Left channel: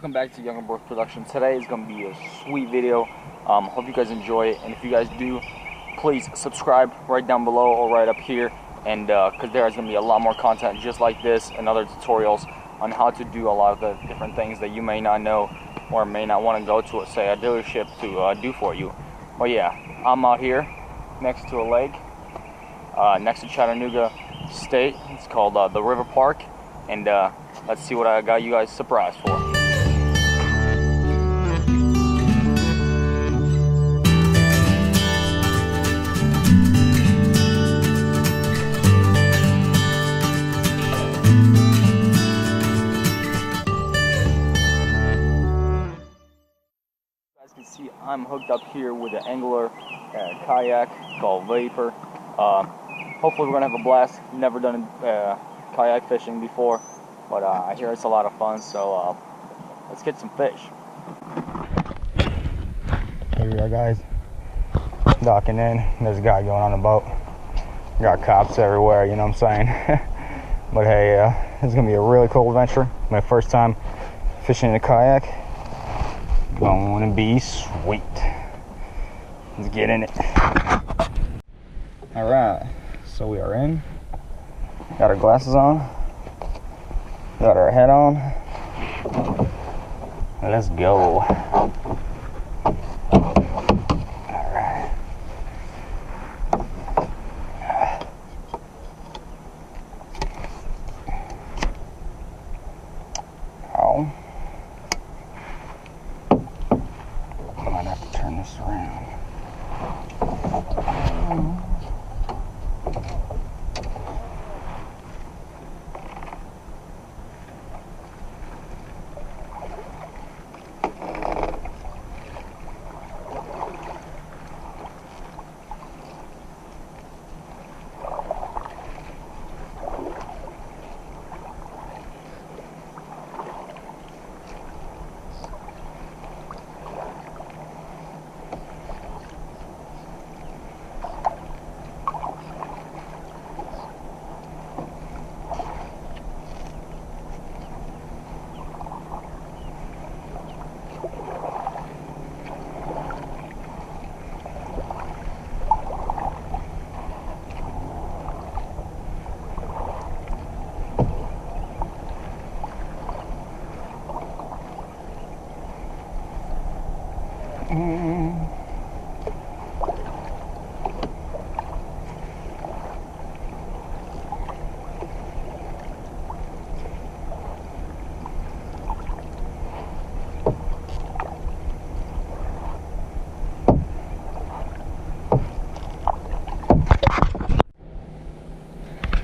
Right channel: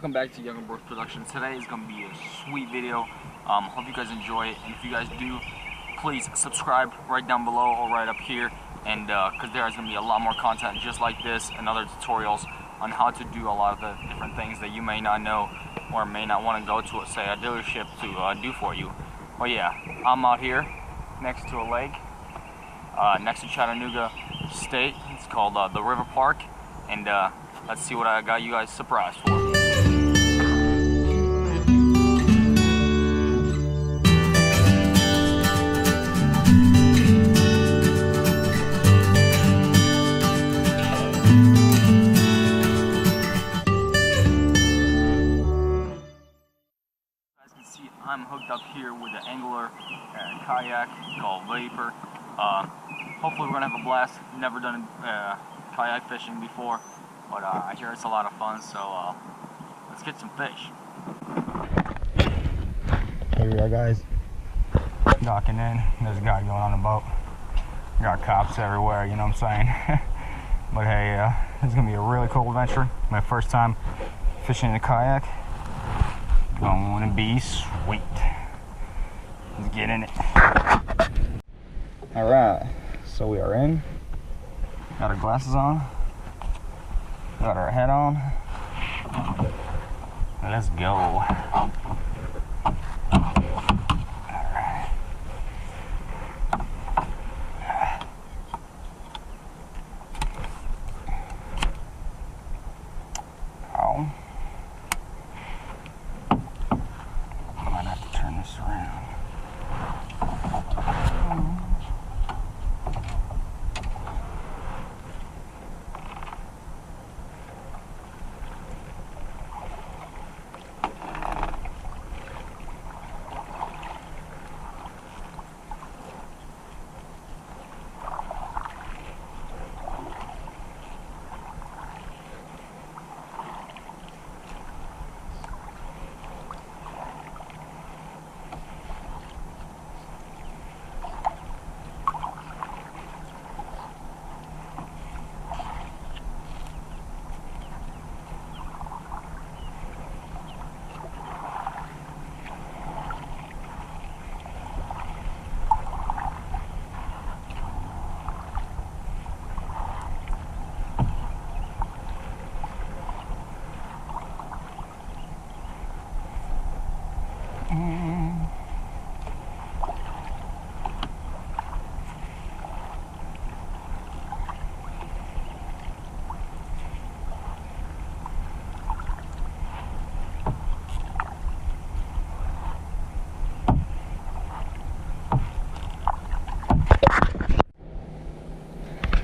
welcome back to Younger Boys Production. Today is going to be a sweet video. Hope you guys enjoy it, and if you guys do, please subscribe right down below or right up here, and because there is going to be a lot more content just like this and other tutorials on how to do a lot of the different things that you may not know or may not want to go to, say, a dealership to do for you. But yeah, I'm out here next to a lake next to Chattanooga State. It's called the River Park, and let's see what I got you guys surprised for. As you can see, I'm hooked up here with an angler kayak called Vapor. Hopefully we're gonna have a blast. Never done kayak fishing before, but I hear it's a lot of fun, so let's get some fish. Here we are, guys, docking in. There's a guy going on the boat. Got cops everywhere, you know what I'm saying? But hey, this is gonna be a really cool adventure. My first time fishing in a kayak. Going to be sweet. Let's get in it. All right, so we are in. Got our glasses on. Got our head on. Let's go. All right. Ow. I might have to turn this around.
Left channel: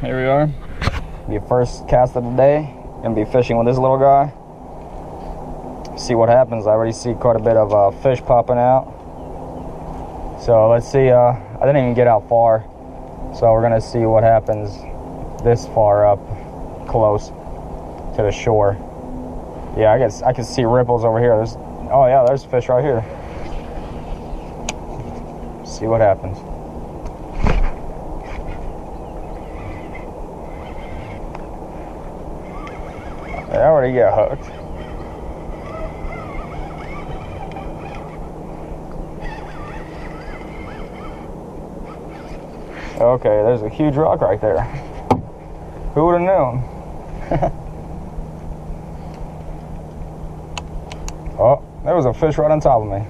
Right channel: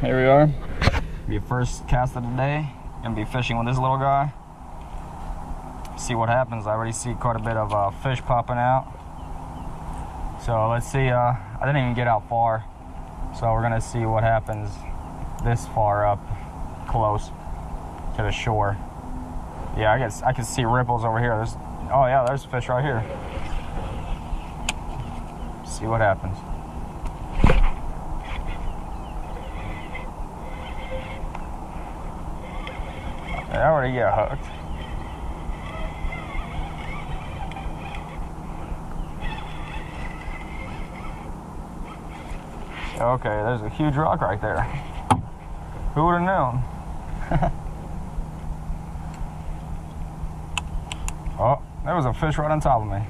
Here we are. Be first cast of the day. Gonna be fishing with this little guy. See what happens. I already see quite a bit of fish popping out. So let's see. I didn't even get out far, so we're gonna see what happens this far up close to the shore. Yeah, I can see ripples over here. Oh yeah, there's fish right here. See what happens. I already got hooked. Okay, there's a huge rock right there. Who would have known? Oh, there was a fish right on top of me.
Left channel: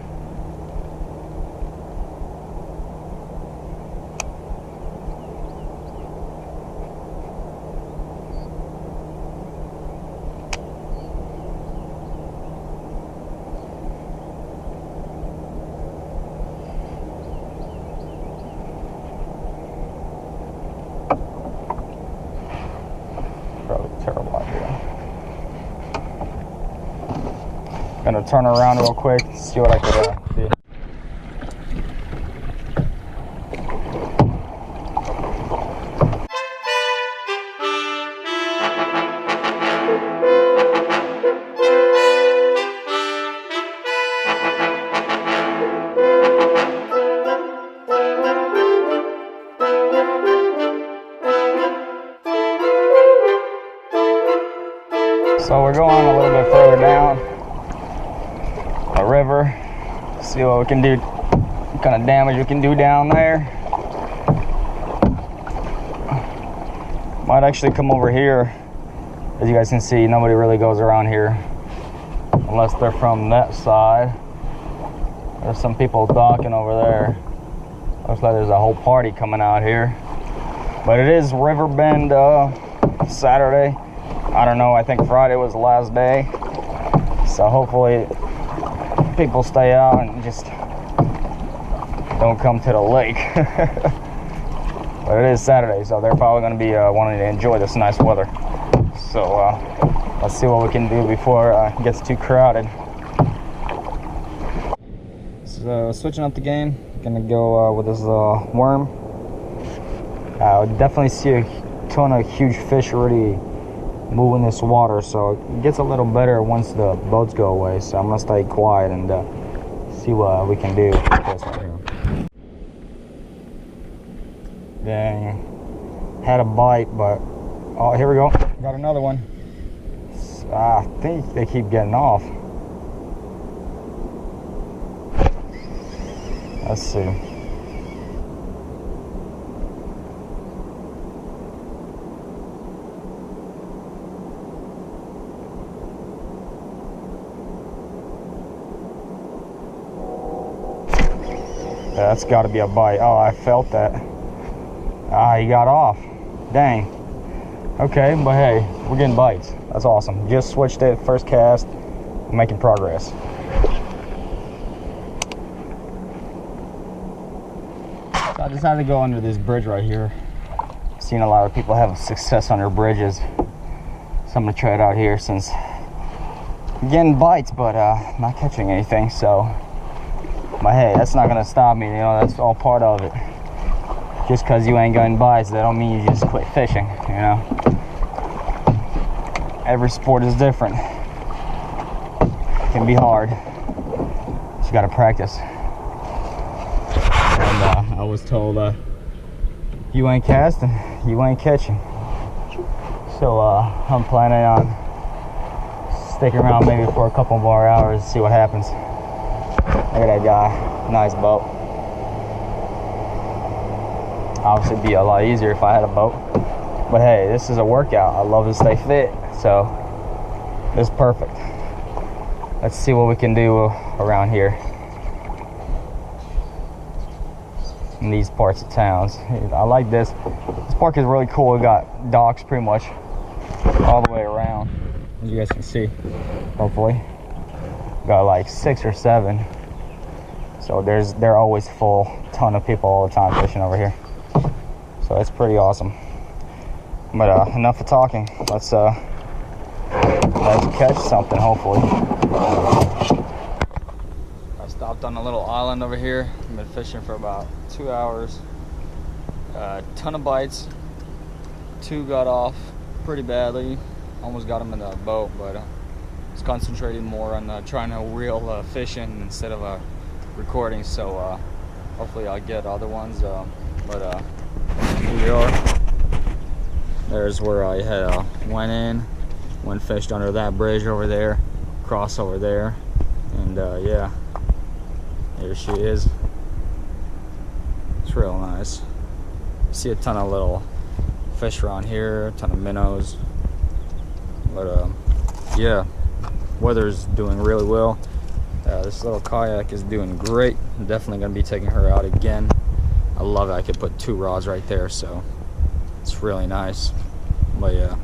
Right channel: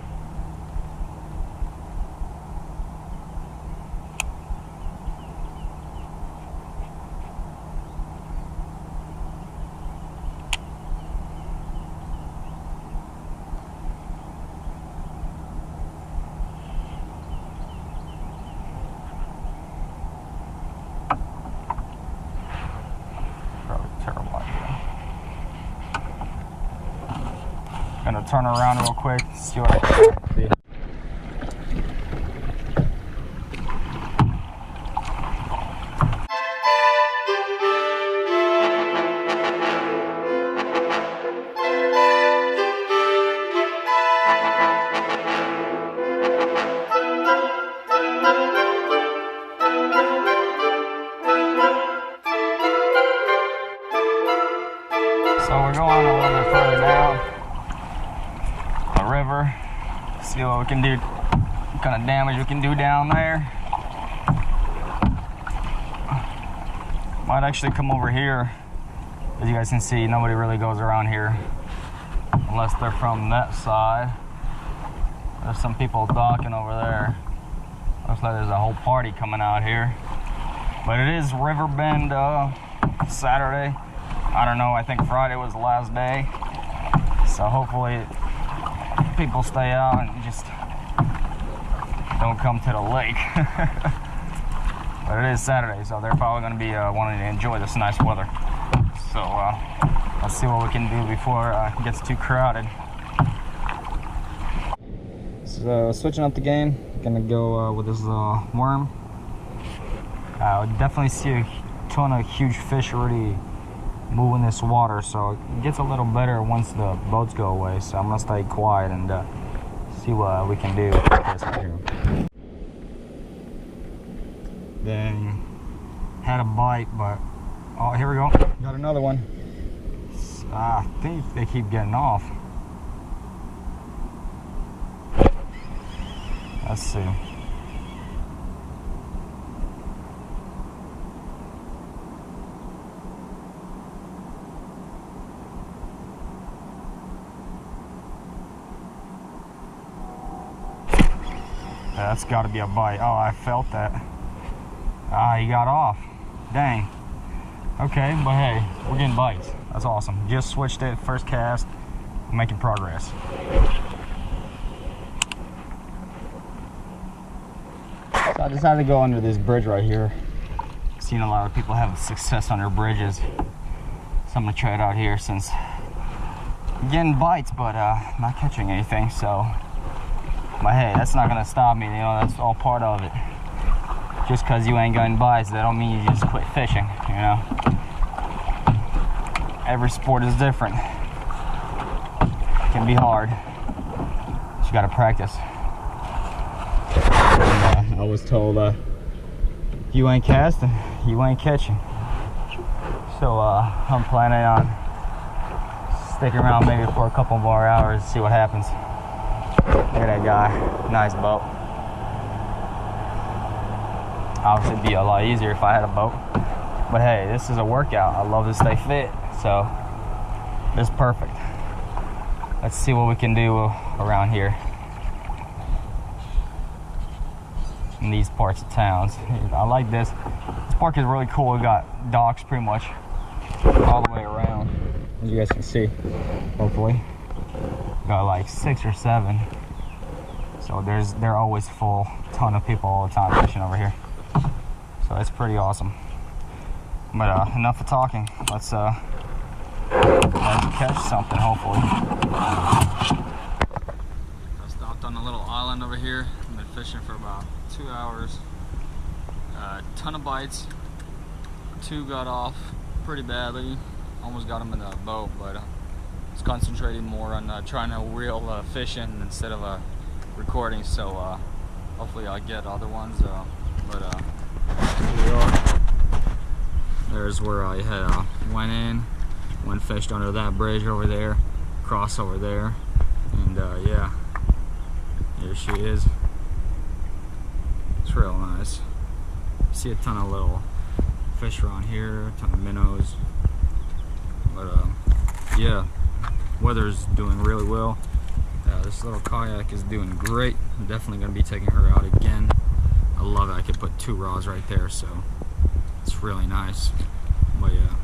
Terrible idea. Gonna turn around real quick, see what I can do. So we're going a little bit further down. can do, what kind of damage we can do down there. Might actually come over here. As you guys can see, nobody really goes around here unless they're from that side. There's some people docking over there. Looks like there's a whole party coming out here. But it is Riverbend Saturday. I don't know, I think Friday was the last day. So hopefully people stay out and just don't come to the lake. But it is Saturday, so they're probably going to be wanting to enjoy this nice weather. So let's see what we can do before it gets too crowded. So switching up the game, gonna go with this worm. I definitely see a ton of huge fish already moving this water, so it gets a little better once the boats go away. So I'm gonna stay quiet and see what we can do with this right here. Dang, had a bite, but oh, here we go, got another one. I think they keep getting off. Let's see. That's got to be a bite. Oh, I felt that. Ah, he got off. Dang. Okay, but hey, we're getting bites. That's awesome. Just switched it, first cast, making progress. So I decided to go under this bridge right here. Seen a lot of people have success under bridges. So I'm gonna try it out here since I'm getting bites, but not catching anything. So, but hey, that's not gonna stop me. You know, that's all part of it. Just because you ain't getting bites, that don't mean you just quit fishing. You know, every sport is different. It can be hard. You gotta practice. And I was told, you ain't casting, you ain't catching. So I'm planning on sticking around maybe for a couple more hours, see what happens. Look at that guy, nice boat. Obviously it'd be a lot easier if I had a boat. But hey, this is a workout. I love to stay fit, so it's perfect. Let's see what we can do around here in these parts of towns. I like this. This park is really cool. We got docks pretty much all the way around, as you guys can see, hopefully. Got like 6 or 7. So they're always full. Ton of people all the time fishing over here. So that's pretty awesome. But enough of talking. Let's catch something, hopefully. I stopped on a little island over here. I've been fishing for about 2 hours. Ton of bites. 2 got off pretty badly. Almost got them in the boat, but was concentrating more on trying to reel fish in instead of recording. So hopefully I'll get other ones. But here we are. There's where I had went fished under that bridge over there, cross over there, and yeah, here she is. It's real nice. You see a ton of little fish around here, a ton of minnows. But yeah, weather's doing really well. This little kayak is doing great. I'm definitely gonna be taking her out again. I love it. I could put 2 rods right there, so it's really nice. But yeah,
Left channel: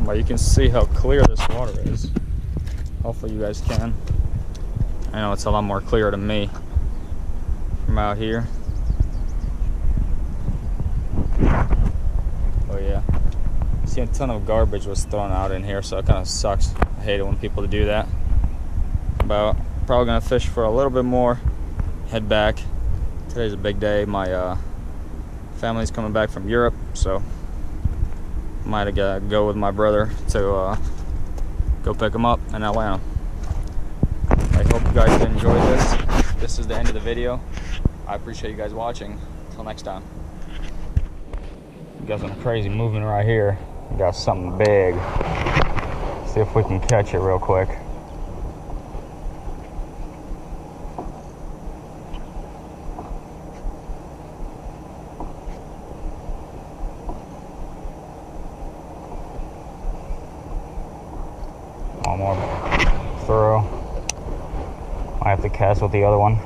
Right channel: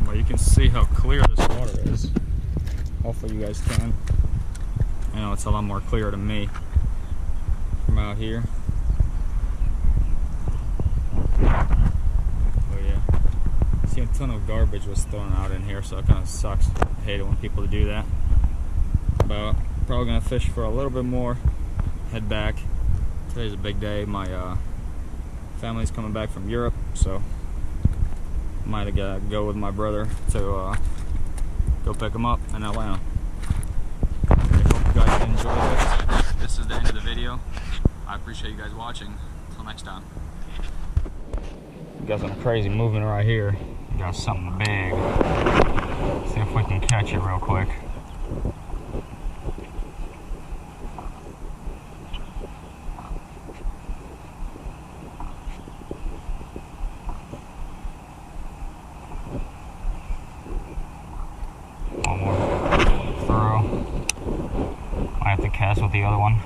but you can see how clear this water is. Hopefully you guys can. I know it's a lot more clear to me from out here. Oh yeah, see a ton of garbage was thrown out in here, so it kind of sucks. I hate it when people do that. But probably gonna fish for a little bit more, head back. Today's a big day. My family's coming back from Europe, so might go with my brother to go pick him up in Atlanta. I hope you guys enjoyed this. This is the end of the video. I appreciate you guys watching. Until next time. We got some crazy movement right here. We got something big. See if we can catch it real quick. cast with the other one.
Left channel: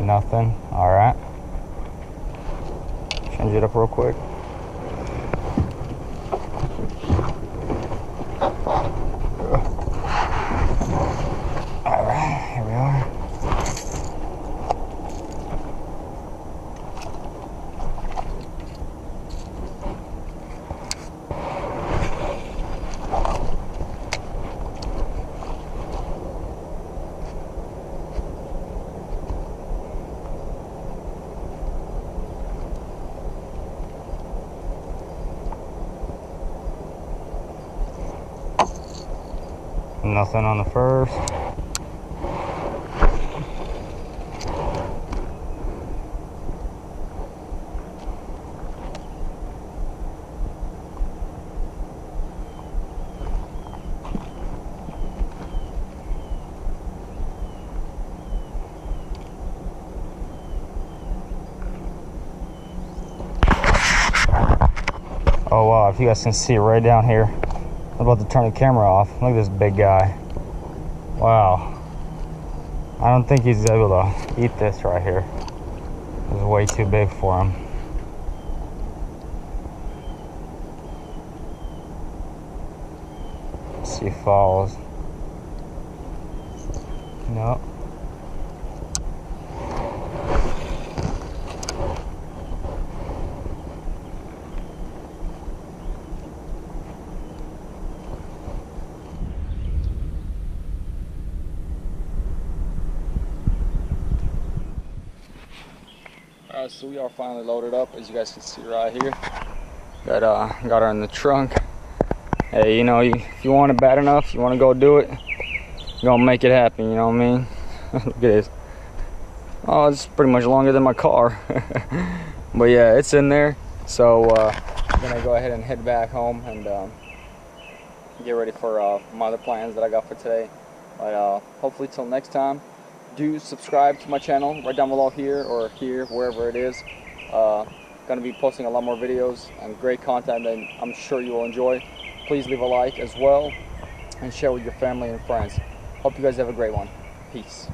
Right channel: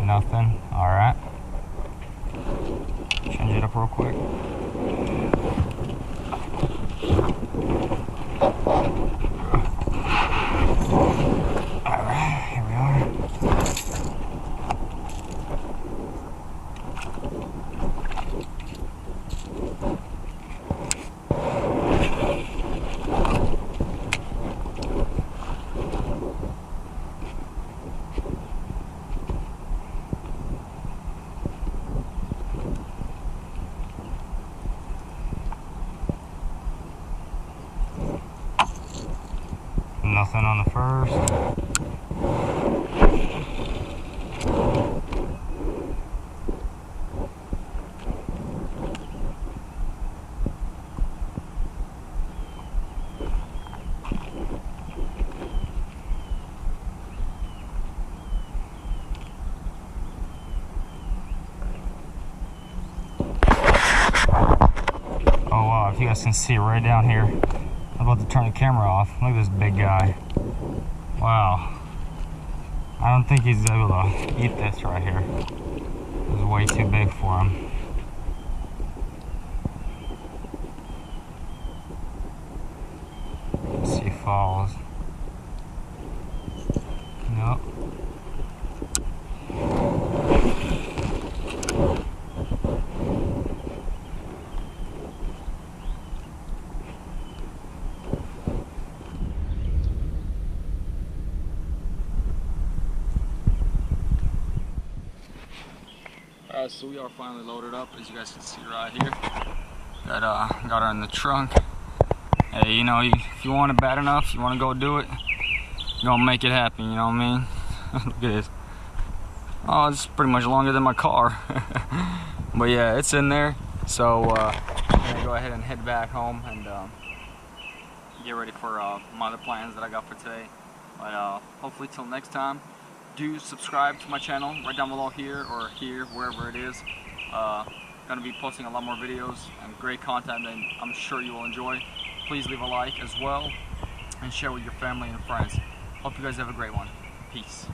Nothing. All right. Change it up real quick. All right, here we are. Nothing on the first. Oh wow, if you guys can see right down here. I'm about to turn the camera off. Look at this big guy. Wow. I don't think he's able to eat this right here. It's way too big for him. Let's see if he falls. No. Alright, so we are finally loaded up, as you guys can see right here. Got her in the trunk. Hey, you know, if you want it bad enough, you want to go do it, you're gonna make it happen, you know what I mean? Look at this. Oh, it's pretty much longer than my car. But yeah, it's in there. So I'm gonna go ahead and head back home and get ready for my other plans that I got for today. But hopefully till next time, do subscribe to my channel right down below here or here, wherever it is. Gonna be posting a lot more videos and great content that I'm sure you will enjoy. Please leave a like as well and share with your family and friends. Hope you guys have a great one. Peace.